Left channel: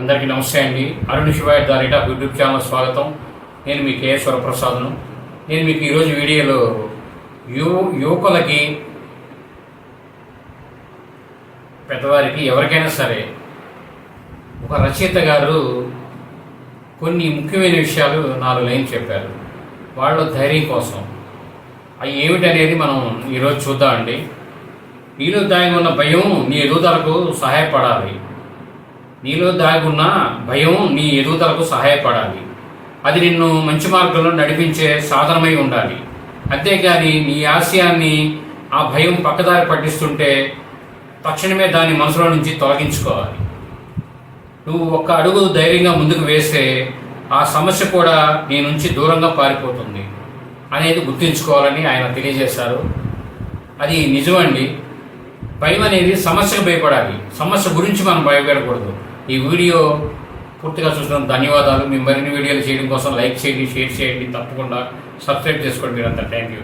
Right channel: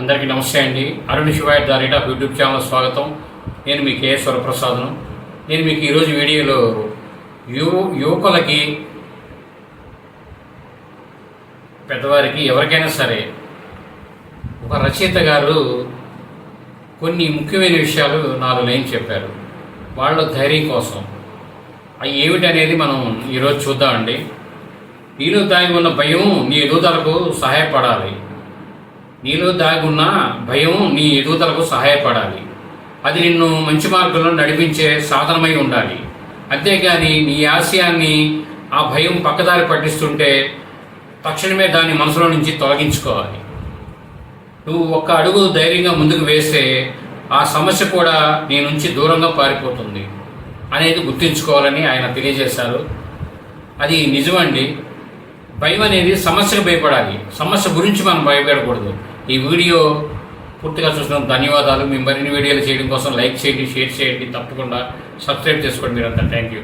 అందరికీ నమస్తే అండి. Arun Shivay the rate of YouTube channel స్వాగతం. నేను మీ కేశ్వర ప్రసాద్ను నేను మీకు ఈరోజు వీడియోలో యు యువకులకి పెద్దవారికి ఎవరికైనా సరే ఒక రచయిత గారు కొన్ని ముఖ్యమైన విషయాలు నాలుగు లైన్ చెప్పారు. వాళ్ళ ధైర్యం కోసం. అవి ఏమిటనేది మనం ఈరోజు చూద్దామండి. నీలో దాగి ఉన్న భయం నీ ఎదుగుదలకు సహాయపడాలి. నీలో దాగున్న భయం నీ ఎదుగుదలకు సహాయపడాలి. అది నిన్ను మంచి మార్గంలో నడిపించే సాధనమై ఉండాలి. అంతేగాని నీ ఆశయాన్ని ఆ భయం పక్కదారి పట్టిస్తుంటే తక్షణమే దాన్ని మనసులో నుంచి తొలగించుకోవాలి. నువ్వు ఒక్క అడుగు ధైర్యంగా ముందుకు వేస్తే ఆ సమస్య కూడా నీ నుంచి దూరంగా పారిపోతుంది అనేది గుర్తుంచుకోవాలని ఆయన తెలియజేశారు. అది నిజమండి. భయం అనేది సమస్యకు భయపడాలి. సమస్య గురించి మనం భయపడకూడదు. ఈ వీడియో పూర్తిగా చూసిన ధన్యవాదాలు. మీ మరిన్ని వీడియోలు చేయడం కోసం లైక్ చేయండి షేర్ చేయండి. తప్పకుండా సబ్స్క్రైబ్ చేసుకోండి మీరంతా. Thank you